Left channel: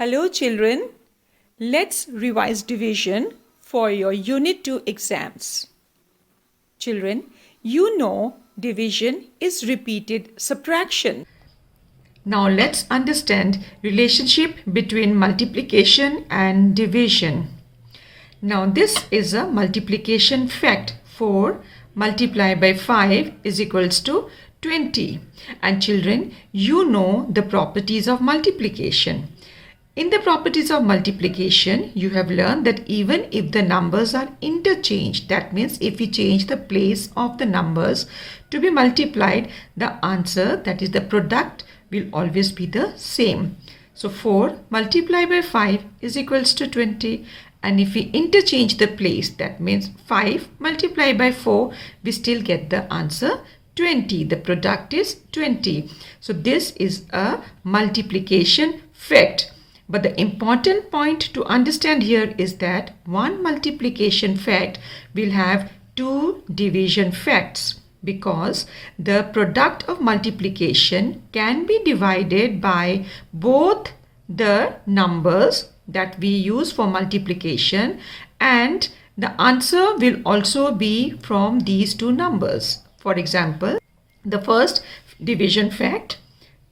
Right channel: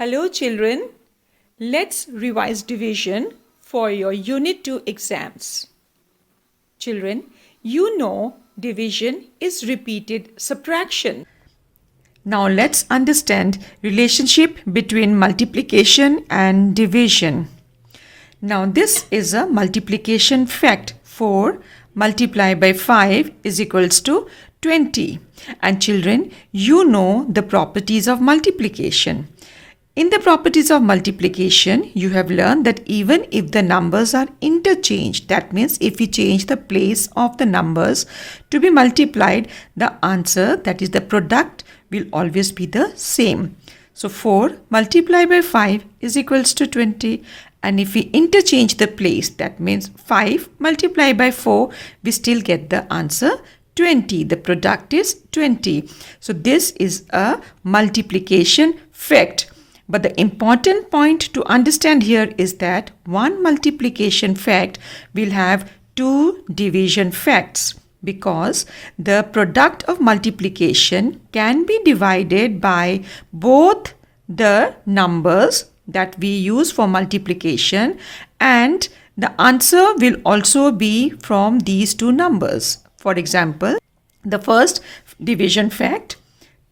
Hello children, let's revise division for your Unit 2 exams. Children, you know division is repeated subtraction. Now let's understand relationship between multiplication and division. Now this is a multiplication fact. 4 multiplied by 5 is equals to 20. And children, you know the properties of multiplication. In the properties of multiplication, you have learned that even if the numbers are interchanged, that means if we change the place of the numbers to be multiplied, the answer, that is the product, will always be the same. So 4 multiplied by 5 is equals to 20. And if we interchange the place, that means 5 multiplied by 4, we still get the answer 20. The product is 20. So this is a multiplication fact. But the important point to understand here is that one multiplication fact will have two division facts, because the product of multiplication can be divided by both the numbers that we use for multiplication, and the answer will also be from these two numbers. For example, the first division fact,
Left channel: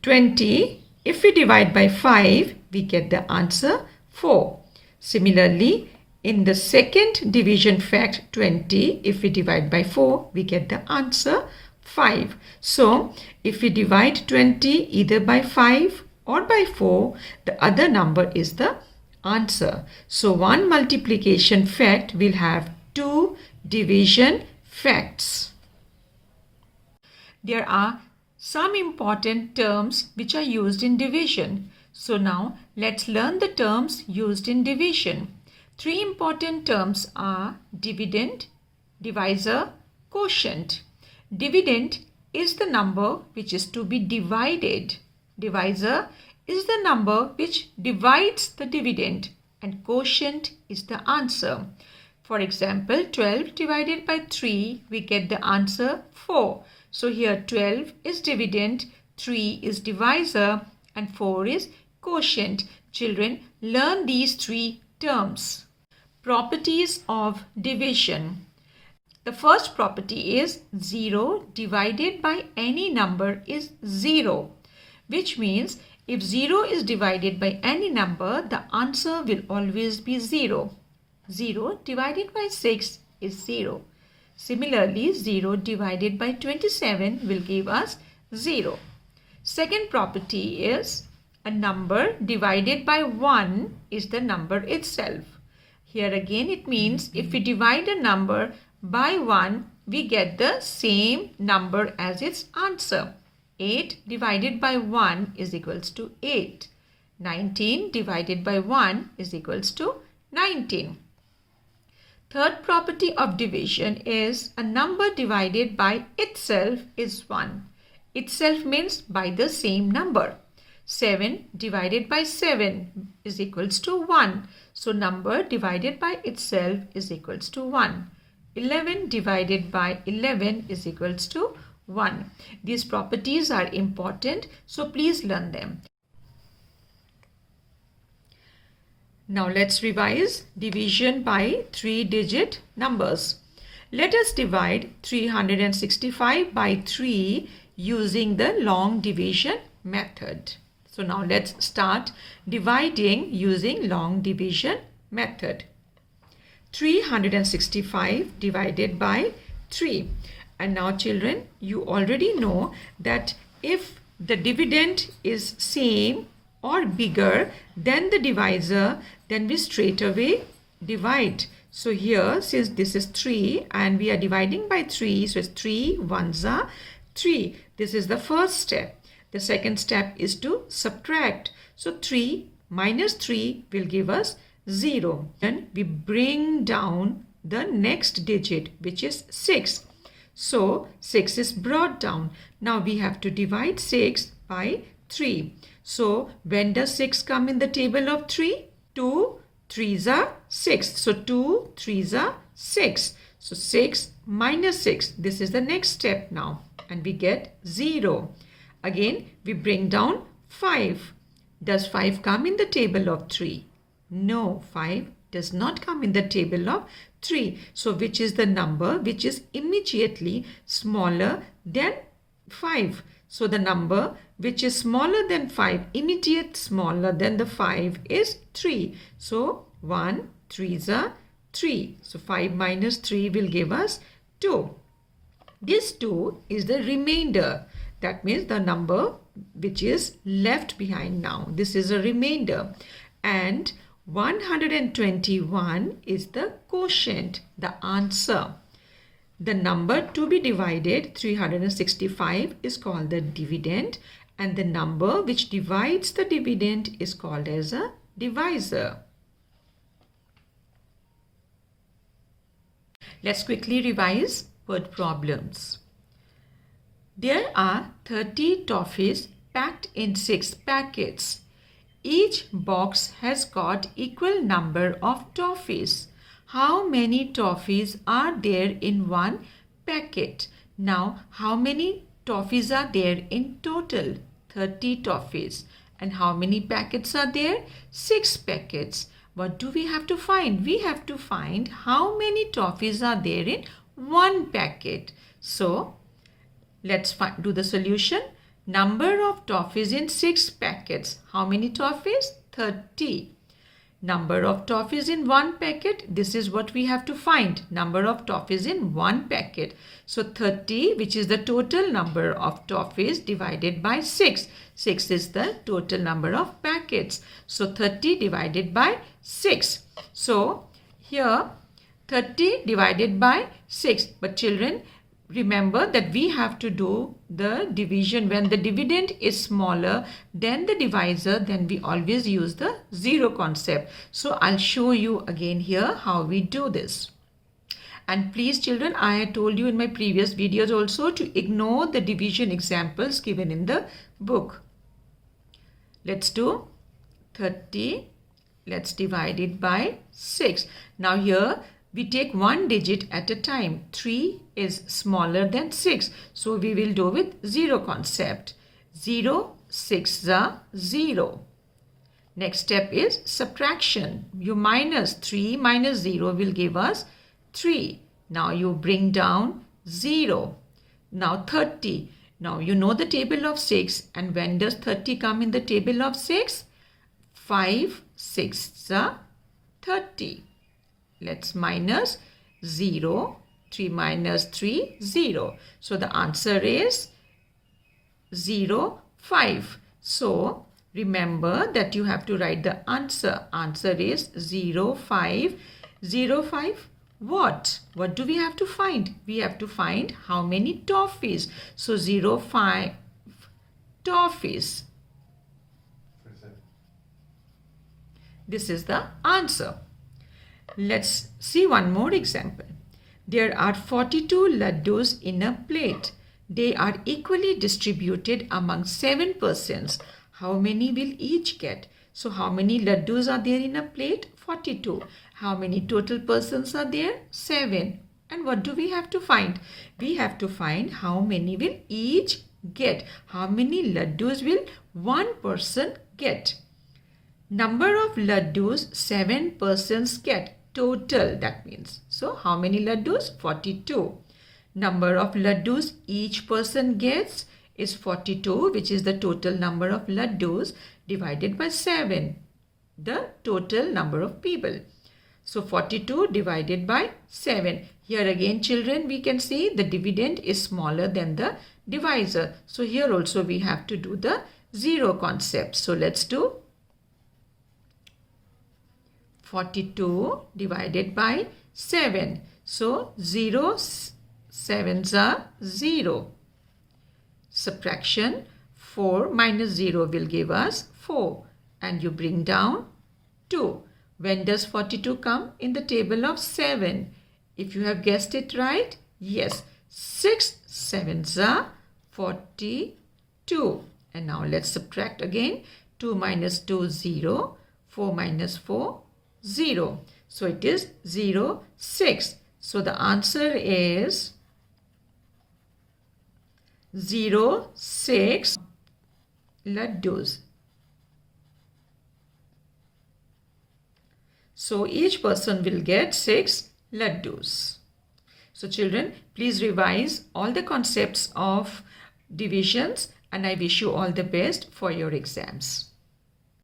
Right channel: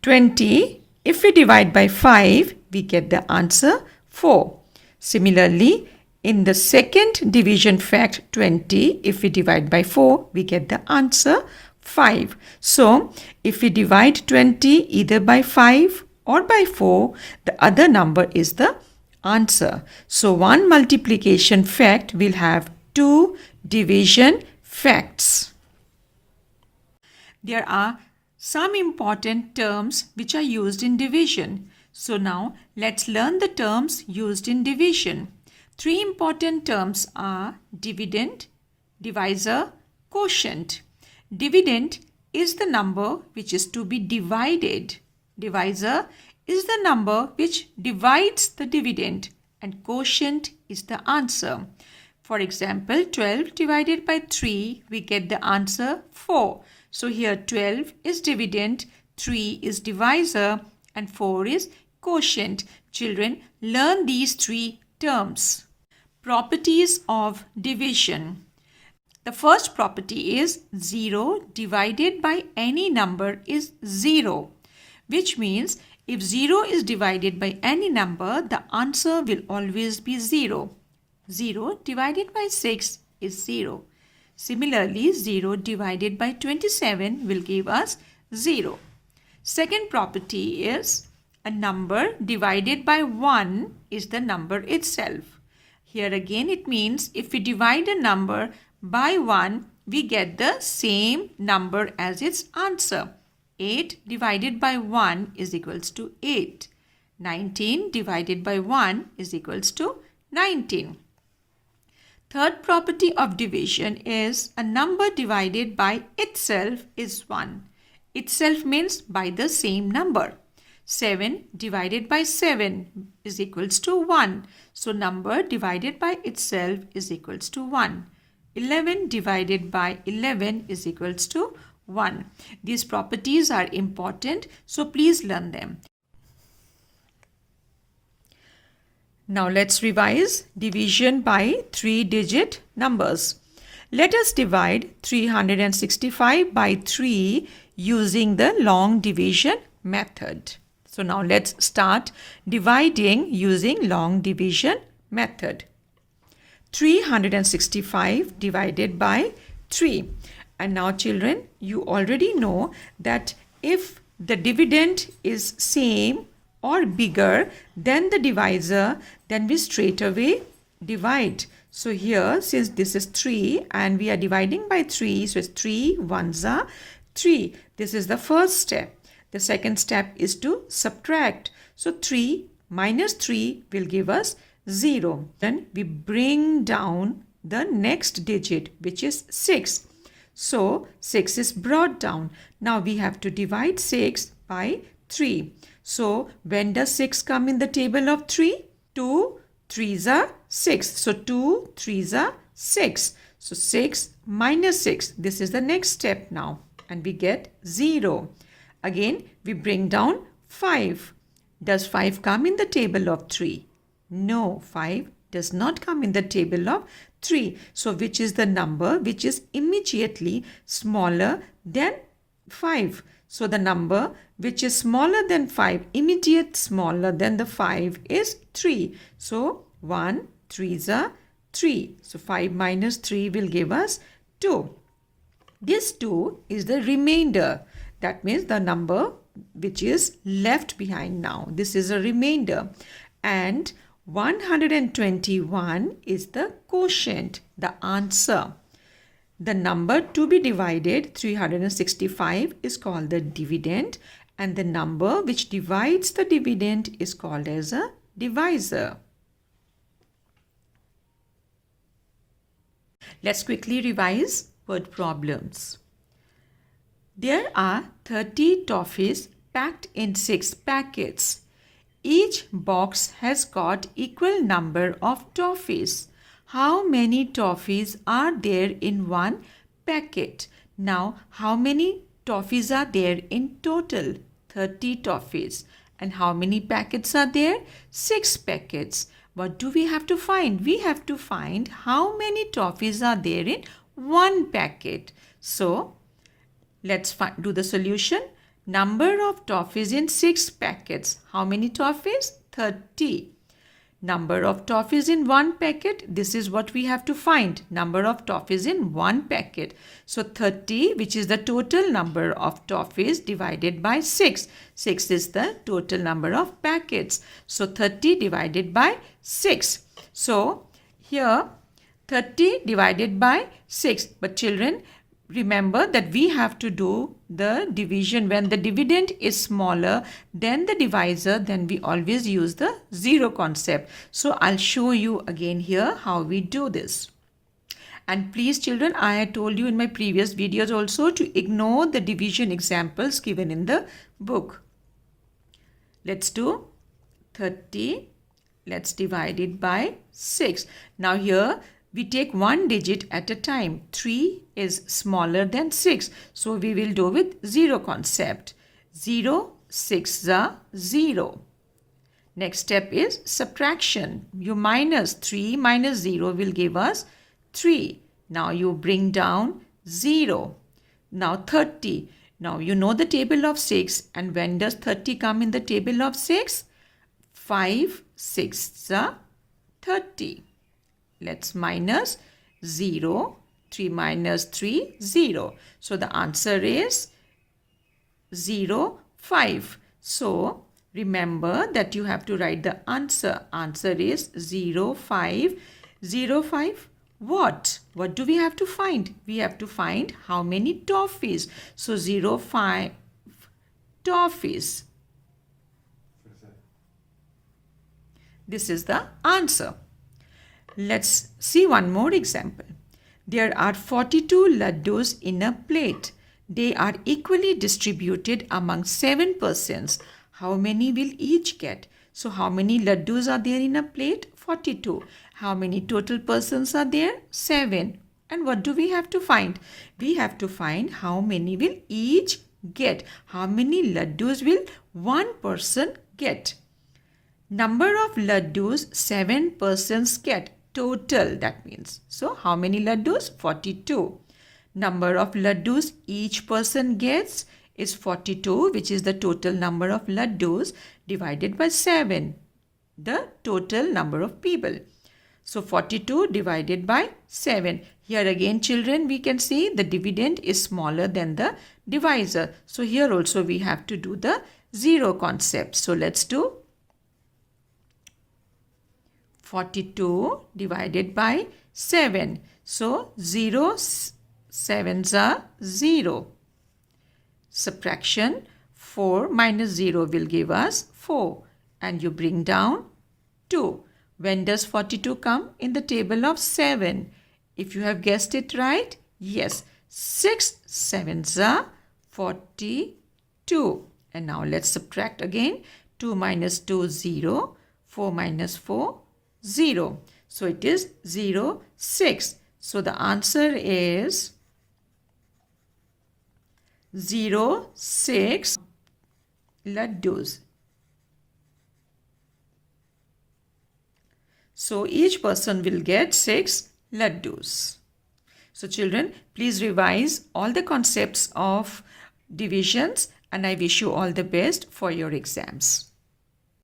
20, if we divide by 5, we get the answer 4. Similarly, in the second division fact, 20, if we divide by 4, we get the answer 5. So, if we divide 20 either by 5 or by 4, the other number is the answer. So, one multiplication fact will have two division facts. There are some important terms which are used in division. So now let's learn the terms used in division. Three important terms are dividend, divisor, quotient. Dividend is the number which is to be divided. Divisor is the number which divides the dividend, and quotient is the answer. For example, 12 divided by 3, we get the answer 4. So here 12 is dividend, 3 is divisor, and 4 is quotient. Children, learn these three terms. Properties of division. The first property is 0 divided by any number is 0, which means if 0 is divided by any number, the answer will always be 0. 0 divided by 6 is 0. Similarly, 0 divided by 27 will give us 0. Second property is a number divided by 1 is the number itself. Here again it means if we divide a number by 1, we get the same number as its answer. 8 divided by 1 is equals to 8. 19 divided by 1 is equals to 19. Third property of division is a number divided by itself is 1. Itself means by the same number. 7 divided by 7 is equals to 1. So number divided by itself is equals to 1. 11 divided by 11 is equals to 1. These properties are important, so please learn them. Now let's revise division by 3-digit numbers. Let us divide 365 by 3 using the long division method. So now let's start dividing using long division method. 365 divided by 3. And now children, you already know that if the dividend is same or bigger than the divisor, then we straight away divide. So here, since this is 3 and we are dividing by 3, so it's 3 ones are 3. This is the first step. The second step is to subtract. So 3 minus 3 will give us 0. Then we bring down the next digit, which is 6. So 6 is brought down. Now we have to divide 6 by 3. So when does 6 come in the table of 3? 2 3s are 6. So 2 3s are 6. So 6 minus 6. This is the next step now. And we get 0. Again, we bring down 5. Does 5 come in the table of 3? No, 5 does not come in the table of 3. So which is the number which is immediately smaller than 5? So the number which is smaller than 5, immediate smaller than the 5 is 3. So 1, 3s are 3. So 5 minus 3 will give us 2. This 2 is the remainder. That means the number which is left behind now. This is a remainder. And 121 is the quotient, the answer. The number to be divided, 365, is called the dividend, and the number which divides the dividend is called as a divisor. Let's quickly revise word problems. There are 30 toffees packed in 6 packets. Each box has got equal number of toffees. How many toffees are there in one packet? Now, how many toffees are there in total? 30 toffees. And how many packets are there? 6 packets. What do we have to find? We have to find how many toffees are there in one packet. So, let's do the solution. Number of toffees in 6 packets. How many toffees? 30. Number of toffees in one packet. This is what we have to find. Number of toffees in one packet. So 30, which is the total number of toffees, divided by 6. 6 is the total number of packets. So 30 divided by 6. So here 30 divided by 6. But children, remember that we have to do the division when the dividend is smaller than the divisor, then we always use the zero concept. So I'll show you again here how we do this. And please children, I had told you in my previous videos also to ignore the division examples given in the book. Let's do 30. Let's divide it by 6. Now here we take one digit at a time. 3 is smaller than 6. So we will do with zero concept. 0, 6 are 0. Next step is subtraction. You minus 3 minus 0 will give us 3. Now you bring down 0. Now 30. Now you know the table of 6. And when does 30 come in the table of 6? 5, 6 are 30. Let's minus 0. 3 minus 3, 0. So the answer is 0, 5. So remember that you have to write the answer. Answer is 0, 5. 0, 5 what? What do we have to find? We have to find how many toffees. So 0, 5 toffees. This is the answer. Let's see one more example. There are 42 laddus in a plate. They are equally distributed among 7 persons. How many will each get? So how many laddus are there in a plate? 42. How many total persons are there? 7. And what do we have to find? We have to find how many will each get. How many laddus will one person get? Number of laddus 7 persons get. Total, that means. So how many laddus? 42. Number of laddus each person gets is 42, which is the total number of laddus, divided by 7, the total number of people. So 42 divided by 7. Here again children, we can see the dividend is smaller than the divisor. So here also we have to do the zero concept. So let's do 42 divided by 7. So 0, 7s are 0. Subtraction, 4 minus 0 will give us 4. And you bring down 2. When does 42 come? In the table of 7. If you have guessed it right, yes. 6 7s are 42. And now let's subtract again. 2 minus 2, 0. 4 minus 4, 0. So it is 0, 6. So the answer is 0, 6 laddus. So each person will get 6 laddus. So children, please revise all the concepts of divisions and I wish you all the best for your exams.